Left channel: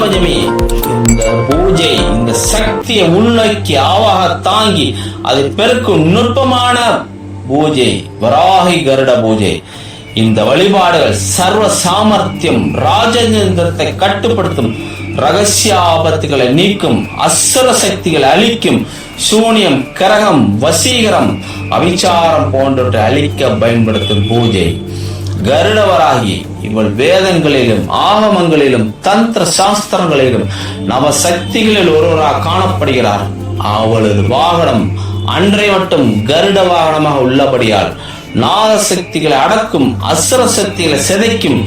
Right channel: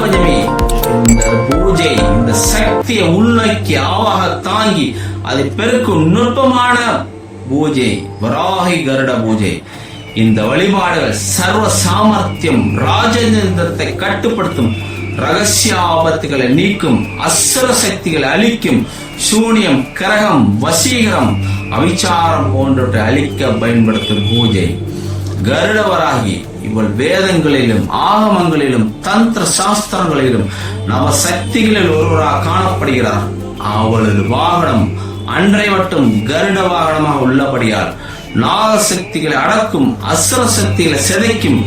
பஞ்சமி இந்த பூஜை இந்த சக்தியை உள்நோக்கி ஆவாக தாங்கி அதை பெருக்கும் நுட்பமான பூஜை வராகி கருட பூஜை. இந்த வழிபாடுகள் சர்வ சாமர்த்தியம் ராஜதந்திரத்தை கட்டுப்படுத்தும் ரகசிய ஆபத்துகளை நீக்கும் அசுர சக்திகளை அழிக்கும் சூனியம் கரகம் வசீகரம் அவிச்சாரம் போன்றவற்றை அழிக்க பயன்படுத்தும் பூஜை. கருடவராகி இவள் வேதங்களிலும் ஆகமங்களிலும் தந்திர சாஸ்திரங்களிலும் நவ சக்திகளில் ஒருவராக காணப்படுகிறார். அவளது வாகனம் அன்றை மட்டும் கருட வாகனமாக உள்ளபடியால் நாக சக்திகளை அடக்கும் அசுர சக்திகளை சிதைக்கும்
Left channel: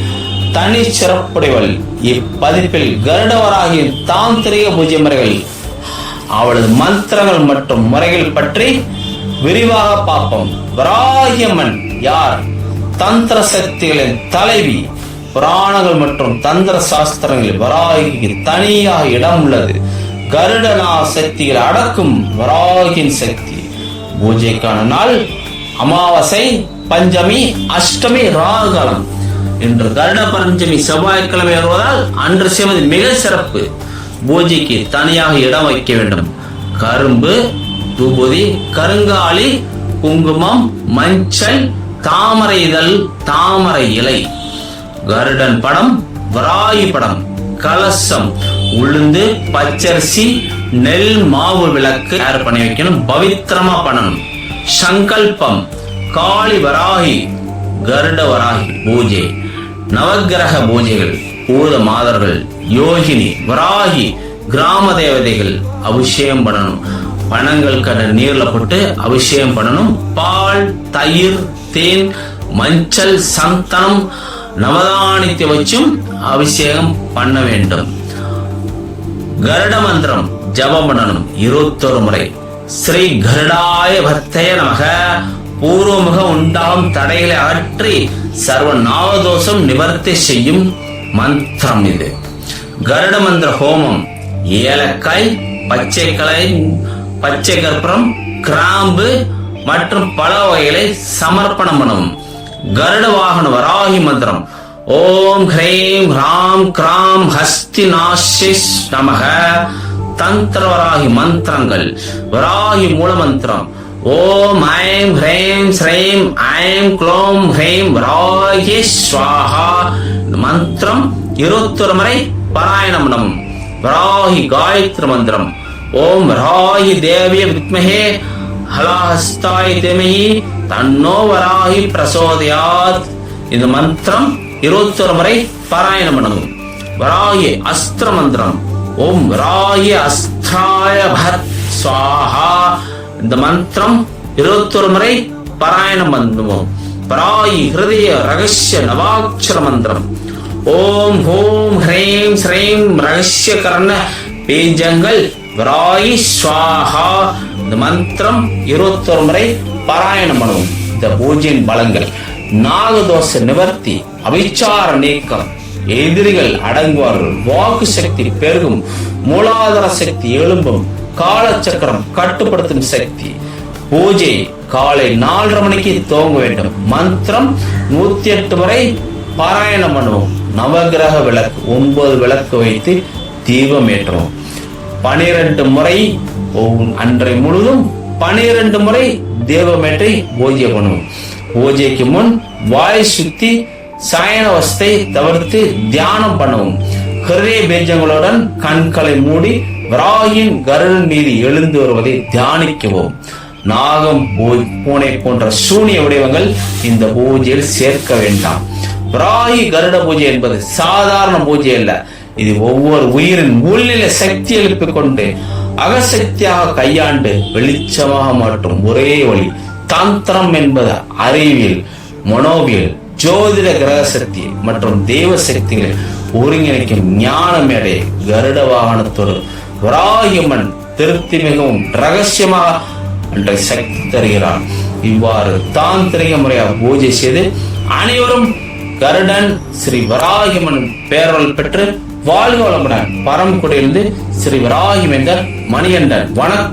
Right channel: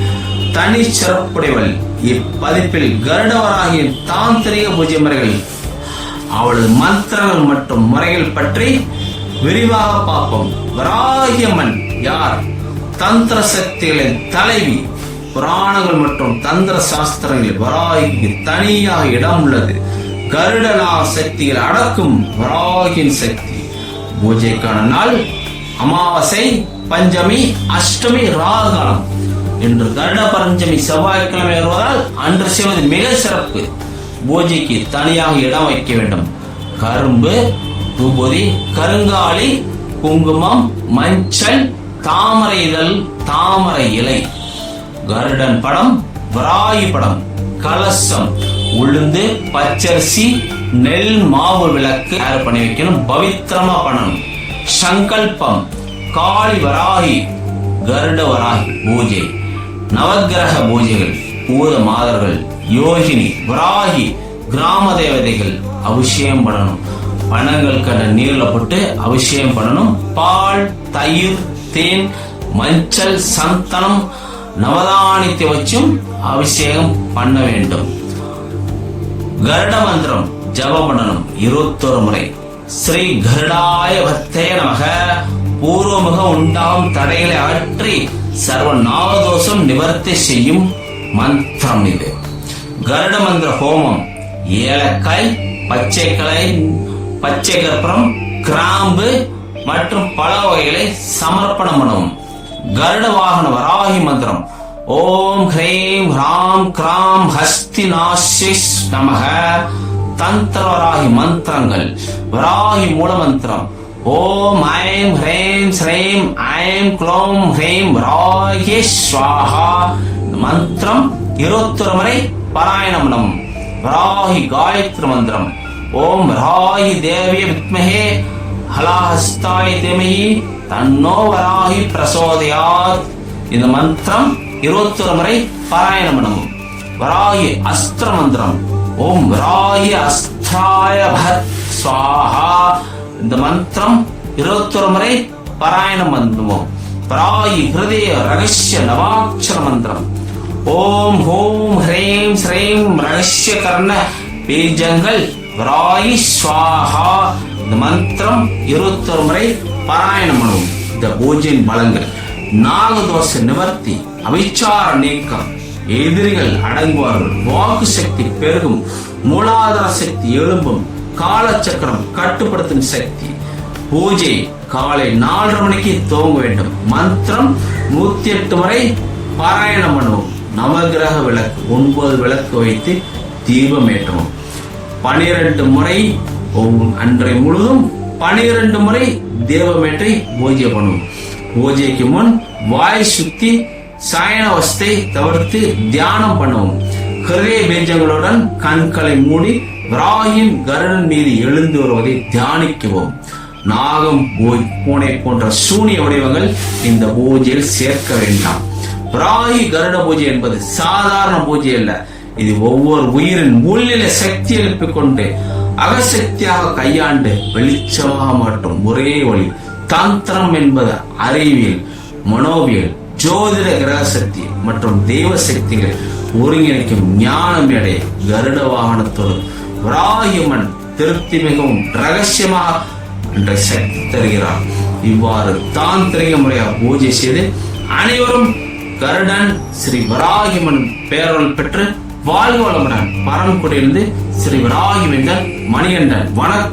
தனி சிறப்புடையவள் இப்பதிப்பில் கருடவராகியின் தாந்திரிக பூஜை முறைகள் அவளது மந்திரங்கள் மற்றும் முறைகள் பற்றி விரிவாக பார்ப்போம். வராகியம்மன் யார்? தந்திர சக்திகளின் தலைவி. புராணங்கள் மற்றும் தந்திர சாஸ்திரங்களில் வராகிக்கு தனியாக இடம் உள்ளது. கருடனா சக்திகளை அடக்கும் வராகின் சக்தி. பூஜைக்கான நாள் அமாவாசை பஞ்சமி அஷ்டமி ராகுகாலம் இன்று கருட பஞ்சமி செவ்வாய்க்கிழமை வருவதால் அன்று செய்வது மிக சிறப்பு. பூஜைக்கு தனியாக இடம் வைக்க வேண்டும். கரும்பு தூபதி கருங்காலி குங்குமம் மஞ்சள் தாமரை இதழ் தாமரை இலை. கருடன் படம் வராயி படம் கலசம். உளுந்து பச்சரிசி நெல் மாவு விளக்கு தயார் பண்ணி வைக்கணும். பவித்திரமா பண்ணணும். சங்கல்பம் காளி வராகி கருட வராகி பூஜை. நவக்கிரக பூஜைகள் பூத மாதர்கள் யோகினி வராகி கிராம தேவதைகள் அபிஷேகம் பண்ணணும். பணங்கள் நீர்ல போட்டு அபிஷேகம் பண்ணணும். பால் தயிர் தேன் மஞ்சள் சந்தனம் நவதானியத்தை வச்சும் அபிஷேகம் பண்ண வேண்டும். கருட மந்திரம் ஜபம் பண்ணணும். இருபத்தொரு முறை. ஸ்ரீ கருடாய பக்தய நமக. பூர்வமுக உண்டாகும் தடைகளை அகற்றி சர்வ நாவதோஷம் நிவர்த்தி செய்யும் மந்திரம் இது. கருட மந்திர ஹோமம். ஏலக்காய் பச்சைக்கலை பச்சை கற்பூரம் கிராம்பு மற்றும் பல வகைகளை சமர்ப்பணம் பண்ணவும் கருட வாகன வராகி மந்திரம். ஓம் ஹ்ரீம் ஹ்ராம் கிராம் ஹஸ்தி நாசிஸ் நமக. தந்திர வராகி மந்திரங்கள். வராகி மூல மந்திரம் ஓம் ஐம் ஹ்ரீம் ஸ்ரீம் ஐம் க்ளோம் ஹ்ரீம் வராகி ஸ்வாஹா. மந்திரம் இருபத்தொரு முறை பாராயணம் வராகி காயத்ரி மந்திரம். ஓம் ராகி தேவிய வித்மகே ஹலாஹஸ்தாய் தேமஹி தன்னோ வராகி பிரசோதயாத். இந்த மந்திரம் இருபத்தொரு முறை பாராயணம் பண்ணணும். வராகி அஸ்திர மந்திரம். ஓம் ராகி அஸ்திராய பத் சுவாஹா இந்த மந்திரம் இருபத்தொரு முறை பாராயணம் பண்ணுவோம். பராயி ஹிருதய ரகசிய நவாட்சர மந்திரம். ஓம் ஹோம் ஹ்ரீம் ஸ்ரீம் ரகசிய கர்ண பீஜங்கள் விராயி ஸ்வாஹா. இந்த மந்திரம் இருபத்தொரு முறை பாராயணம் பண்ணுவோம். இந்த பூஜையின் பலங்கள் நாகதோஷ நிவர்த்தி அவிச்சார நீக்கம் எதிரிகள் அடங்குவார்கள் வாக்கு சக்தி பெருகும் மூலாதார சக்தி எழும்பும் காலச்சக்கரம் கட்டுப்படுத்தும் சக்தி. பூஜை காலை நாலரை மணிக்கு துவங்க வேண்டும். மந்திரம் நூத்தி எட்டு முறை பாராயணம் பண்ணுவோம். நவகிரக விளக்கு ஒன்பது விளக்கு வைத்து தீபம் ஏற்றுவோம். பனிரெண்டு முறை அன்றை முழுதும் பனிரெண்டு முறை தேவமேட்டை பூஜை பண்ணுவோம். பூஜைக்கு முன் வாய் சுத்தி சாயனவஸ்தை தவிர்த்து தியானம் பண்ணுவோம். ஹிருதய பேஜங்களுடன் கண்களை மூடி விராயின் கருடன் மீது எழுந்து வருவதை தியானிக்குவோம். நாகம் பூனை போன்ற சூனிய வடிவங்கள் இந்த பூஜையில் சேர்க்க வேண்டாம். விராயி கருட பூஜை என்பது சாதாரண பூஜை அல்ல. இது ஒவ்வொரு உயிரின் உள்ளில சக்தி எழுப்பிக் கொண்டு அகசக்தியாக கையாண்டு வெளிச்சமாக மாற்றும் ஒரே வழி தந்திரம் என்பது அறிவியல் மனோவியல் ஜோதிட கிரக சக்தி மற்றும் தெய்வ சக்திகளை ஒருங்கிணைக்கும் ஞான மேடை கருட வாகனத்தோடு வராகியம்மன் திருப்தி மிகவும் ரகசியமாக என்ற சக்தி தருகிறார். இவ்வாறு தாந்திரிக முறையாக பூஜை செய்து அனைவரும் கருடன் ஸ்ரீ வராகிமன் பேரவல் பெற்று வாழ்க வளமுடன். பரம்குடியிலிருந்து ஸ்ரீ வராகிவேந்தர் மணிகண்டன். வணக்கம்.